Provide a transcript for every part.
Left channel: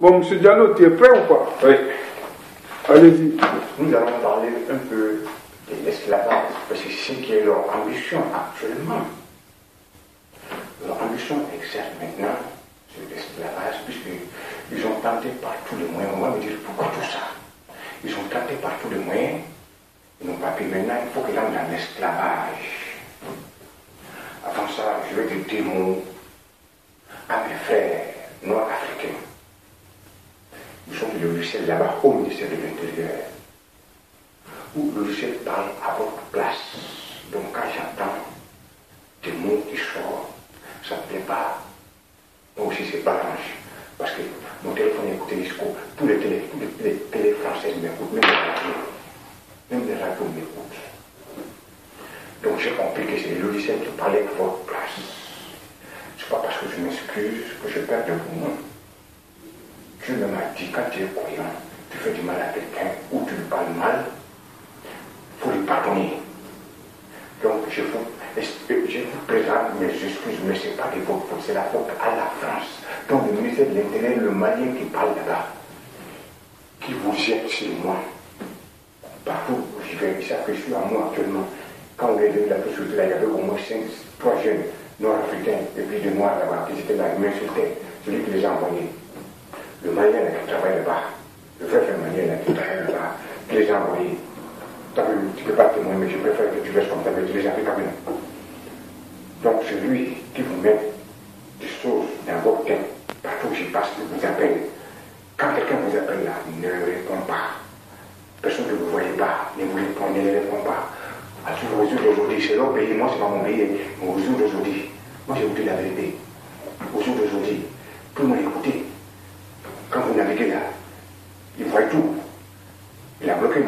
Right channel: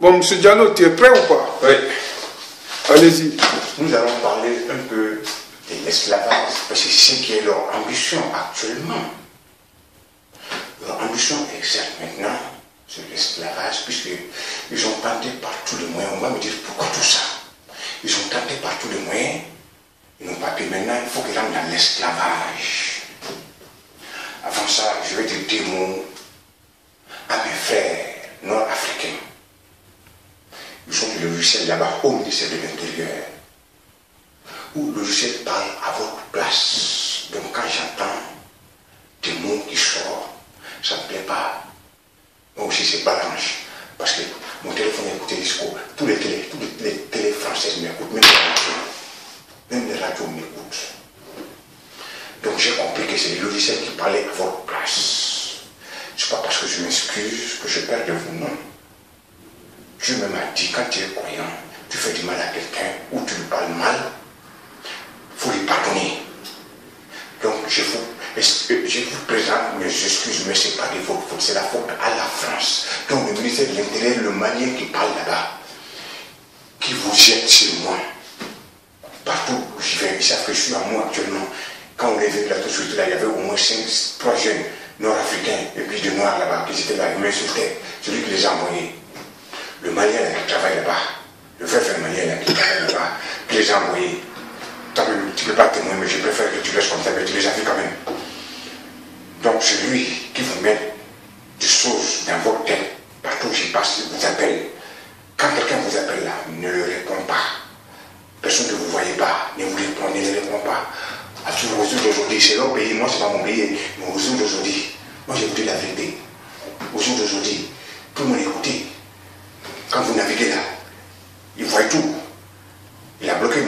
Bon, M. Diallo, tu es prêt ou pas? Oui. Allez-y. Nous allons parler un peu de l'esclavage, parce que c'est ce qui est leur ambition actuellement. Leur ambition est certes maintenant sur l'esclavage, puisqu'ils ont tenté par tous les moyens. On va me dire pourquoi tout ça. Ils ont tenté par tous les moyens, ils n'ont pas pu. Maintenant, il faut qu'ils rentrent dans l'esclavage. Avant ça, je vais dire des mots à mes frères nord-africains. Ils sont du logiciel là-bas au ministère de l'Intérieur, où le logiciel parle à votre place. Donc quand j'entends des mots qui sortent, ça ne me plaît pas. Moi aussi c'est balance. Parce que mon téléphone est écouté jusqu'au. Tous les télés françaises m'écoutent, même les radios. Même les radios m'écoutent. Donc j'ai compris que c'est le logiciel qui parlait à votre place. Ce n'est pas parce que je m'excuse que je perds de vous, non. Dieu me m'a dit, quand tu es croyant, tu fais du mal à quelqu'un ou tu lui parles mal, il faut lui pardonner. Donc je vous présente mes excuses, mais ce n'est pas de votre faute, c'est la faute à la France. Donc le ministère de l'Intérieur, le Malien qui parle là-bas, qui vous jette sur moi, partout où j'y vais, ils savent que je suis à moi actuellement. Quand on est venu là tout de suite, là, il y avait au moins 3 jeunes nord-africains et puis de noirs là-bas qui étaient là, ils m'insultaient, celui qui les a envoyés. Le Malien là, qui travaille là-bas, le frère Malien là, qui travaille là-bas, qui les a envoyés. Tu ne peux pas témoigner, mais je préfère que tu laisses comme ça, mais tu les as vus quand même. Donc c'est lui qui vous met des choses dans votre tête, partout où j'y passe, il vous appelle. Quand quelqu'un vous appelle là, ne le répond pas. Personne que vous ne voyez pas, ne le répond pas. Au jour d'aujourd'hui, c'est leur pays, moi c'est pas mon pays, mais au jour d'aujourd'hui, moi j'ai écouté la vérité. Au jour d'aujourd'hui, tout le monde écouté. Quand vous naviguez là, il voit tout. Il a bloqué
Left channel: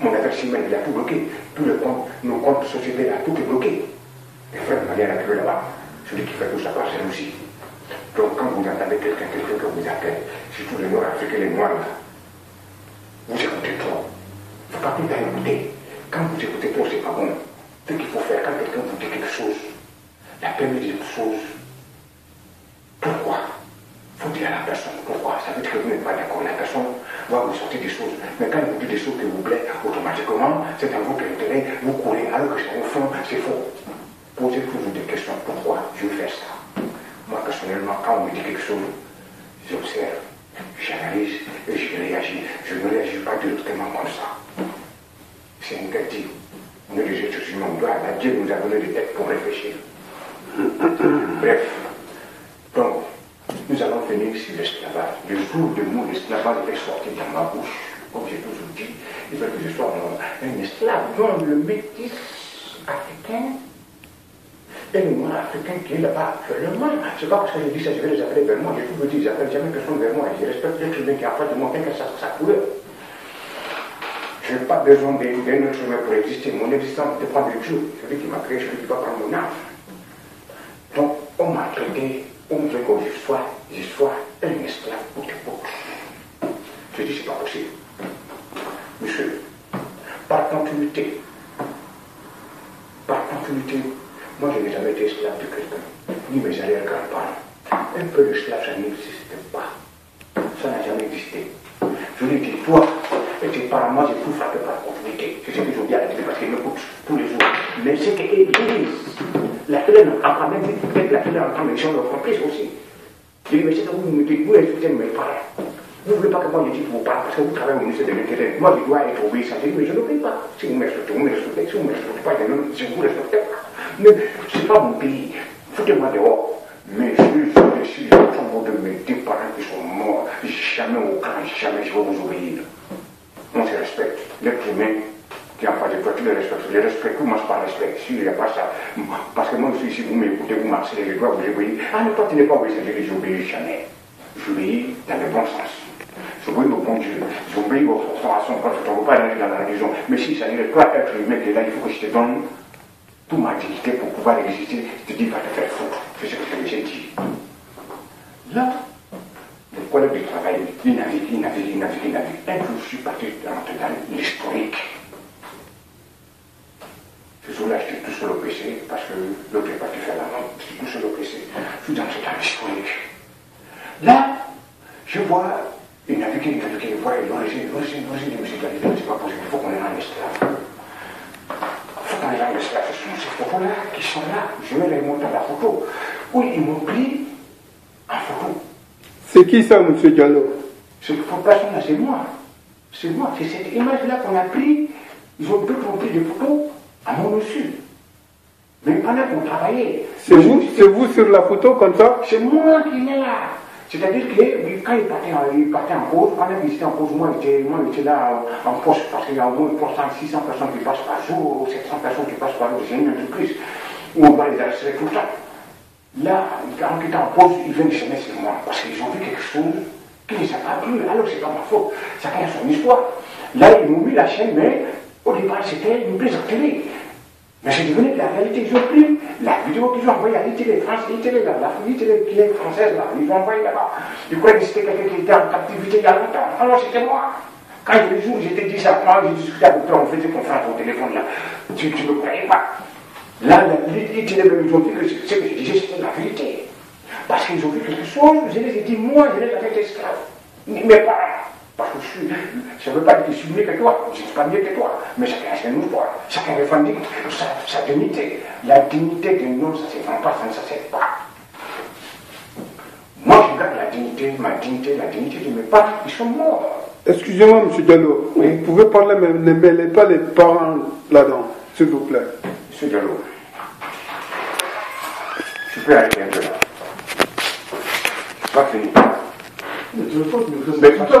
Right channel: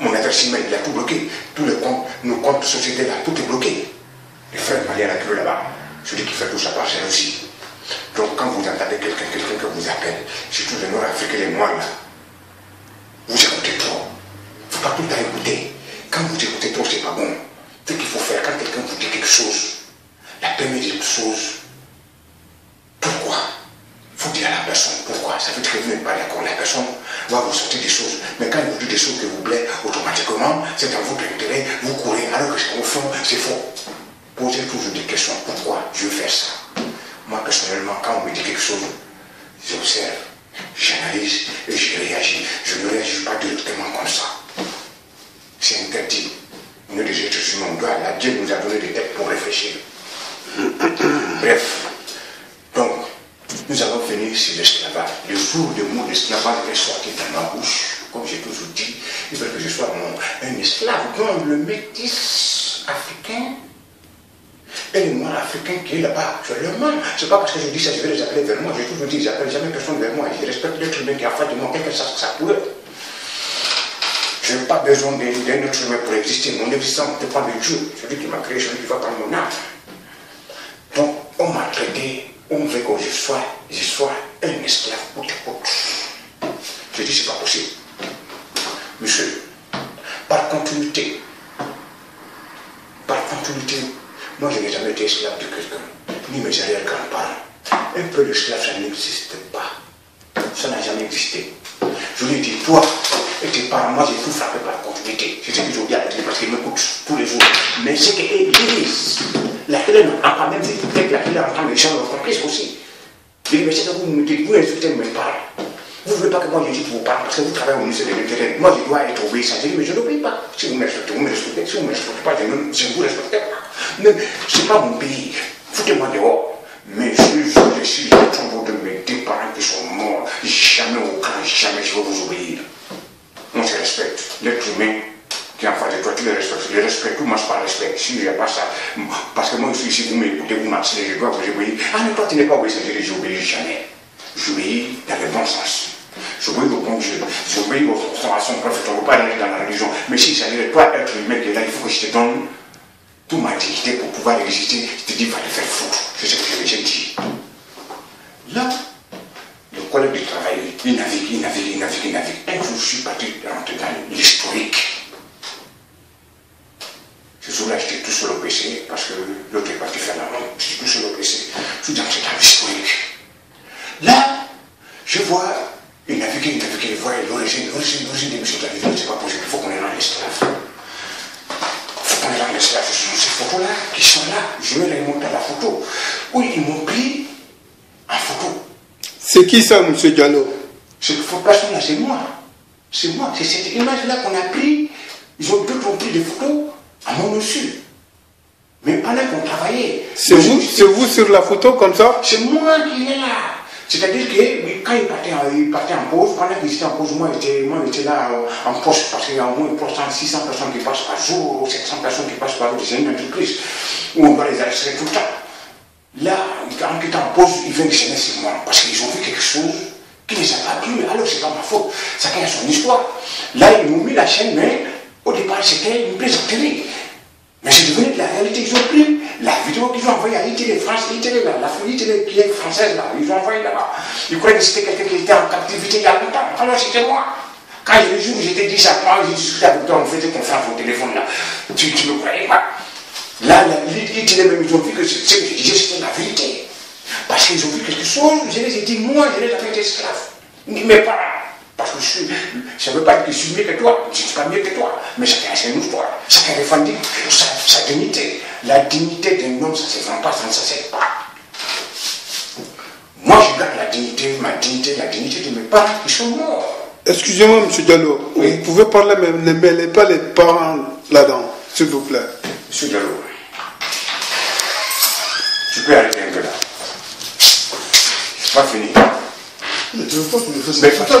mon adresse email, il a tout bloqué. Tous les comptes, nos comptes de société là, tout est bloqué. Les frères Maliens là, là-bas, celui qui fait tout ça par jalousie. Donc quand vous entendez quelqu'un que vous appelle, surtout les Nord-Africains, les Noirs là, vous écoutez trop. Il ne faut pas tout le temps écouter. Quand vous écoutez trop, c'est pas bon. Ce qu'il faut faire, quand quelqu'un vous dit quelque chose, la première des choses, pourquoi? Il faut dire à la personne pourquoi. Ça veut dire que vous n'êtes pas d'accord. La personne va vous sortir des choses. Mais quand il vous dit des choses qui vous plaisent, automatiquement, c'est dans votre intérêt, vous courez. Alors que au fond, c'est faux. Posez toujours des questions. Pourquoi je veux faire ça? Moi, personnellement, quand on me dit quelque chose, j'observe, j'analyse et je réagis. Je ne réagis pas directement comme ça. C'est interdit. On est des êtres humains, on doit. Là, Dieu nous a donné des têtes pour réfléchir. Bref. Donc, nous allons finir sur l'esclavage. Le jour où le mot d'esclavage est sorti dans ma bouche, comme j'ai toujours dit, il veut que je sois un esclave. Donc, le métis africain et le noir africain qui est là-bas actuellement, c'est pas parce que je dis ça, je vais les appeler vers moi. J'ai toujours dit, j'appelle jamais personne vers moi. Je respecte l'être humain qui a fait de moi, quel que soit sa couleur. Je n'ai pas besoin d'un autre humain pour exister. Mon existence ne dépend de Dieu, celui qui m'a créé, celui qui va prendre mon âme. Donc, on m'a traité, on veut que je sois un esclave pour tes côtes. Je dis, c'est pas possible. Monsieur, par continuité, moi je n'ai jamais été esclave de quelqu'un, ni mes arrière-grands-parents. Un peu d'esclave, ça n'existe pas. Ça n'a jamais existé. Je lui ai dit, toi et tes parents, moi j'ai tout frappé par continuité. C'est ce que je dis à la télé parce qu'ils m'écoutent tous les jours. Mais c'est que l'Église, la télé n'entend pas, même si peut-être la télé entend, les gens l'ont compris aussi. Je dis, mais c'est que vous me dites, vous insultez mes parents. Vous ne voulez pas que moi je dise vos parents parce que vous travaillez au ministère de l'Intérieur. Moi je dois être obéissant. Je dis, mais je n'obéis pas. Si vous me respectez, vous me respectez. Si vous ne me respectez pas, je ne vous respecte pas. Mais ce n'est pas mon pays. Foutez-moi dehors. Mais je suis le tombeau de mes deux parents qui sont morts. Jamais jamais je vais vous obéir. On se respecte. L'être humain qui est en face de toi, tu le respectes. Je le respecte, tout marche par respect. Si il n'y a pas ça, parce que moi aussi, si vous m'écoutez, vous marchez, je dois vous obéir. Ah, mais toi, tu n'es pas obéissant. Je dis, j'obéis jamais. J'obéis dans le bon sens. J'obéis au bon Dieu. J'obéis à son prophète. On ne veut pas aller dans la religion. Mais si ça dit, toi, être humain qui est là, il faut que je te donne toute ma dignité pour pouvoir exister. Je te dis, va te faire foutre. C'est ce que je j'ai dit. Là, le collègue de travail, il navigue. Un jour, je suis parti rentrer dans l'historique. Ce jour-là, j'étais tout seul au PC, parce que l'autre est parti faire la langue. J'étais tout seul au PC. Je suis dans l'historique. Là, Je vois, il naviguait, il voit l'origine de M. Diallo, c'est pas possible, il faut qu'on les rende esclaves. Il faut qu'on les rende esclaves. Ce sont ces photos-là qui sont là. Je vais les montrer la photo. Oui, ils m'ont pris en photo. C'est qui ça, M. Diallo? Cette personne-là, c'est moi. C'est moi. C'est cette image-là qu'on a pris. D'autres ont pris des photos à mon insu. Mais pendant qu'on travaillait. C'est vous sur la photo comme ça? C'est moi qui est là. C'est-à-dire que quand il partait en pause, pendant qu'il était en pause, moi j'étais là en poste parce qu'il y a au moins 600 personnes qui passent par jour, ou 700 personnes qui passent par jour. C'est une entreprise où on va les arrêter tout le temps. Là, quand il était en pause, ils viennent chaîner sur moi parce qu'ils ont vu quelque chose qui ne les a pas plu. Alors c'est pas ma faute. Chacun a son histoire. Là, ils m'ont mis la chaîne, mais au départ, c'était une plaisanterie. Mais c'est devenu de la réalité. Ils ont pris la vidéo qu'ils ont envoyée à ITV France, ITV là, la ITV qui est française là, ils ont envoyé là-bas. Ils croyaient que c'était quelqu'un qui était en captivité il y a longtemps. Alors c'était moi. Quand les jours j'étais dit ça, moi j'ai discuté avec toi, on faisait confiance au téléphone là. Tu me croyais pas. Là, ITV même, ils ont vu que ce que je disais c'était la vérité. Parce qu'ils ont vu quelque chose, je les ai dit, moi je les ai fait esclaves. Mes parents. Parce que ça ne veut pas dire que je suis mieux que toi, je ne suis pas mieux que toi, mais chacun a son histoire, chacun revendique sa dignité. La dignité d'un homme, ça ne se vend pas, ça ne s'achète pas. Moi, je garde la dignité, ma dignité, la dignité de mes parents, ils sont morts. Excusez-moi, M. Diallo, oui. Vous pouvez parler, mais ne mêlez pas les parents là-dedans, s'il vous plaît. M. Diallo, tu peux arrêter un peu là. C'est pas fini. Mais tu veux pas que tu me fasses ça.